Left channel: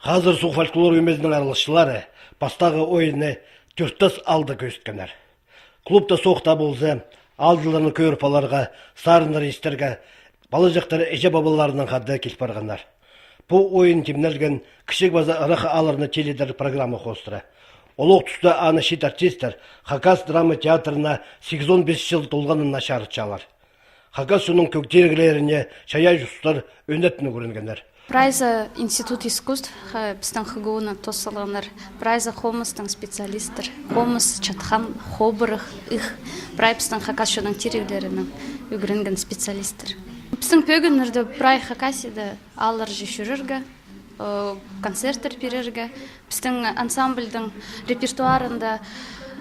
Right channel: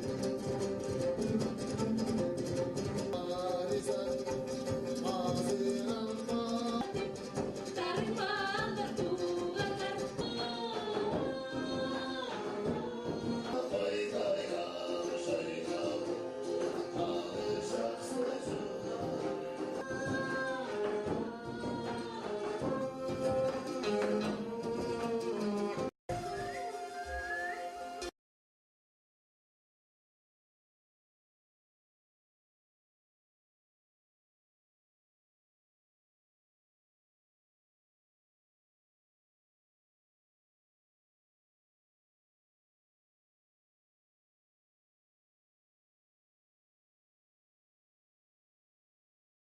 Hazır Suq folklor өмезінің аралашылары бастағы ойыны түрттас алды көзіткенер. Клубта соқта болса, алдыларының көрпаларға, сарындар естерге, балы жақтары әже бабаларының қадды келіп барғандар. Бұл ойын темнелген кішік база ырақы аларына теледер программа қостыры. Олық тұста аны шет артистер Хакас драма театрына 85 жыл толғанын нашарытшалар. Хакас соның көктергілеріне шая жұстар өндетіні көрінгендер. Прайза Институт искусств біздің хығуына тосылғандар. Прайза хомыстың специалистер. Хомыс, чатхан, хобырық, их. Прай біздің Хакас шоның терегілерінің үгірінген специалистер. Біздің пөгінірді прай Хакасиді алыр жешіріргі, концерттер берерге. Біздің ансамбльдің репертуарында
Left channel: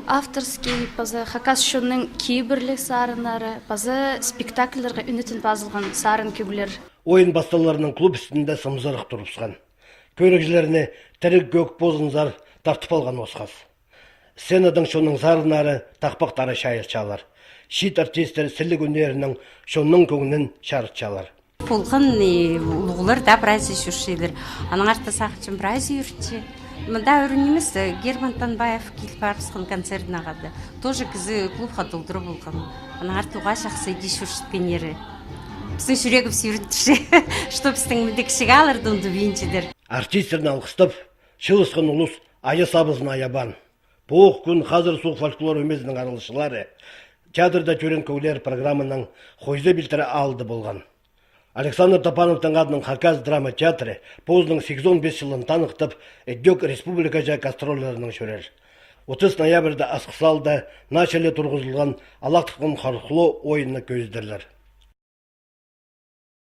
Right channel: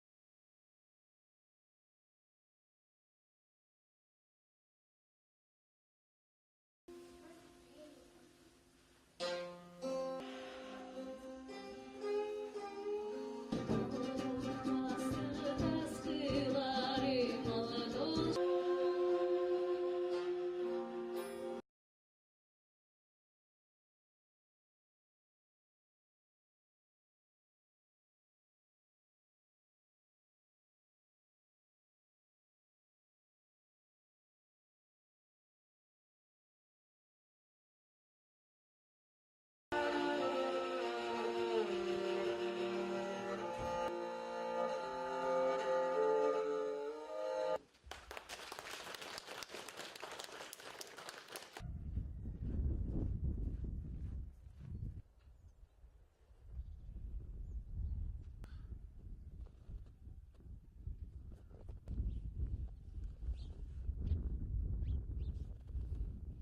авторский, пазы Хакас шоның кейбірлік сарынары, пазы спектакльдерге үнетін базылған сарын көгілер. Ойын басталарының клуб үстінде сымзырық тұрыпсқан. Көрікжілеріне тірік көк бозынзар тартып алған осқаз. Сценадың шоның зарынары тақпақтары шайырчалар. Шит артистер сілік өнерінің шоның көңінін шарытчалар. Полғын ұлғылар да біраз үшіршелер. Аның арты сақчын біраз үйіртші. Мында өрінеміз Герман Танбаев келіп барысқан концертін ағады. Тоже кізі клубқа толдыры болған. Аның арты ұға шақсы деш үршіткен ері. Біздің жүрегім сүйірінтіші, что біздің мүдекшіге алырды ұнды бейінчедер. Артистерін алқыстап, шылысқан ұлыс ая сабызын аябан. Бұқ күн Hazır Suq folklор өмезінің аралышылары театрда көрен көйлер программының қойзы білтірі алды болған. Александр Топановтың адының Хакас драма театры позының 85 жылын танықтып, Эддек республика жа гастролларының шөрер. 30 ноябрьда Асқысалда начале тұрғызылған алақтықын қарқылы ойыны көздерлер.